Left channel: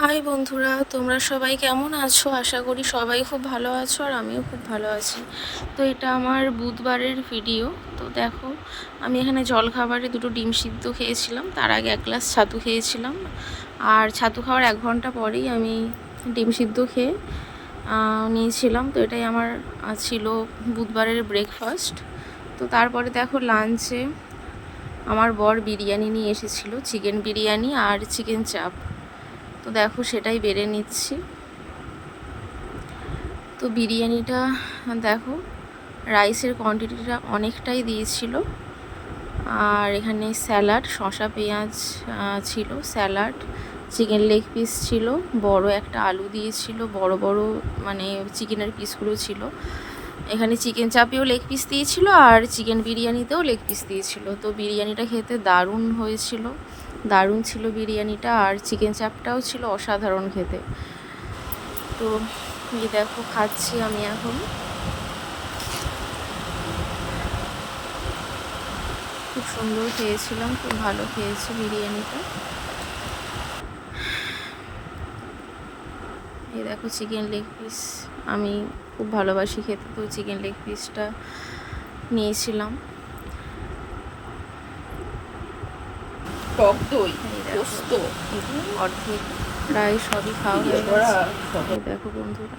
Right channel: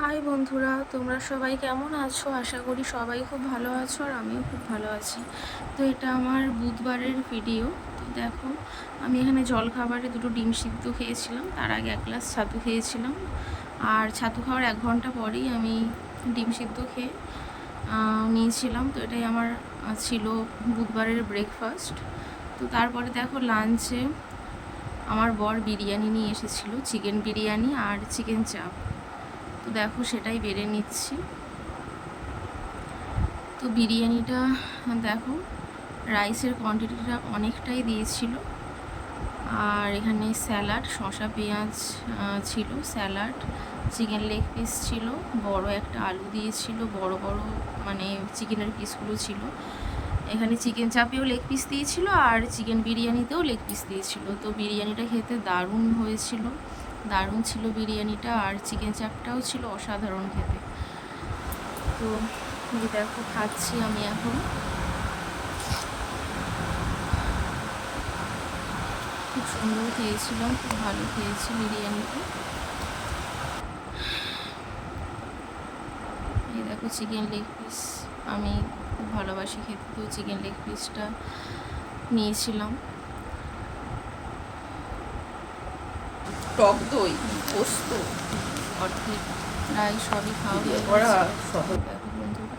High বন্ধুরা, তোমরা সবাই কেমন আছো? আশা করি সবাই খুব ভালো আছো আর আমিও খুব ভালো আছি। তো এটা আমার বুধবারের ভিডিও। তো দেখো, আমি এখানে জলখাবারে দুটো ডিম সিদ্ধ খেয়েছিলাম, তার আগে এক গ্লাস ছাতু খেয়েছিলাম। আর ছাতু খাওয়ার 1 ঘন্টা পরেই আমি ডিম সিদ্ধ খেয়ে নিয়েছিলাম। তো এটাই আমার ছিল বুধবারের ব্রেকফাস্ট। তো তারপরে দেখো, লাঞ্চে আমার বর বিরিয়ানি নিয়ে এসেছিলো, চিকেন বিরিয়ানি আর চিকেন চাপ। তো দেখো, সেটাই বেড়ে নিচ্ছি। তো বিরিয়ানিটা দেখো, রাইসের কোয়ান্টিটিটা অনেকটাই দিয়েছিল। আর এখানে স্যালাড, শসা পেঁয়াজ ছিল, স্যালাড, চিকেন লেগ পিস ছিল, বড় একটা আলু দিয়েছিল, বড় বড় মানে চিকেনের পিসগুলো ছিল। এখানে চিকেন চাপেও লেগ পিস দিয়েছিল আর চিকেন বিরিয়ানিতেও লেগ পিস দিয়েছিল। তো বিরিয়ানিটা খেতে দারুণ হয়েছিল, দারুণ ছিল বিরিয়ানিটা। আর চিকেন চাপটাও ছিল অসাধারণ খেতে। তো এই দেখো, খাচ্ছি আমি এখন। খুব সুন্দর খেয়েছিলাম, খুব ভালো খেয়েছি বিরিয়ানিটা। এই দেখো চিকেন লেগ পিস, আমি খুব ভালোবাসি খেতে, তো চিকেন লেগ পিসটা নিয়েছিলাম। টক দই, পোস্ত, অর্ধেক প্রায় সবই খাওয়া হয়ে গেছে। দেখো বন্ধুরা,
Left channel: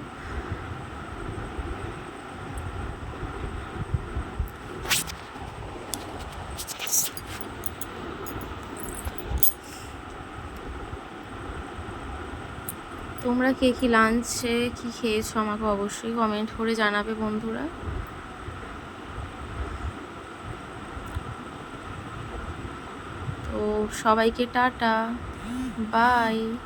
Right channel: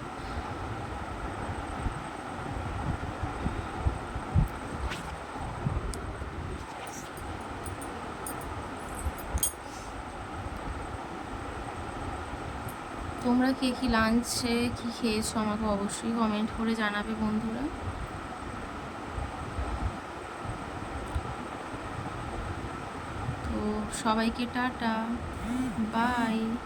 তোমরা কে কি লাঞ্চে কি খেয়েছো আমাকে অবশ্যই কমেন্ট করে জানাবে বন্ধুরা। তো সবাইকে টাটা, বাই।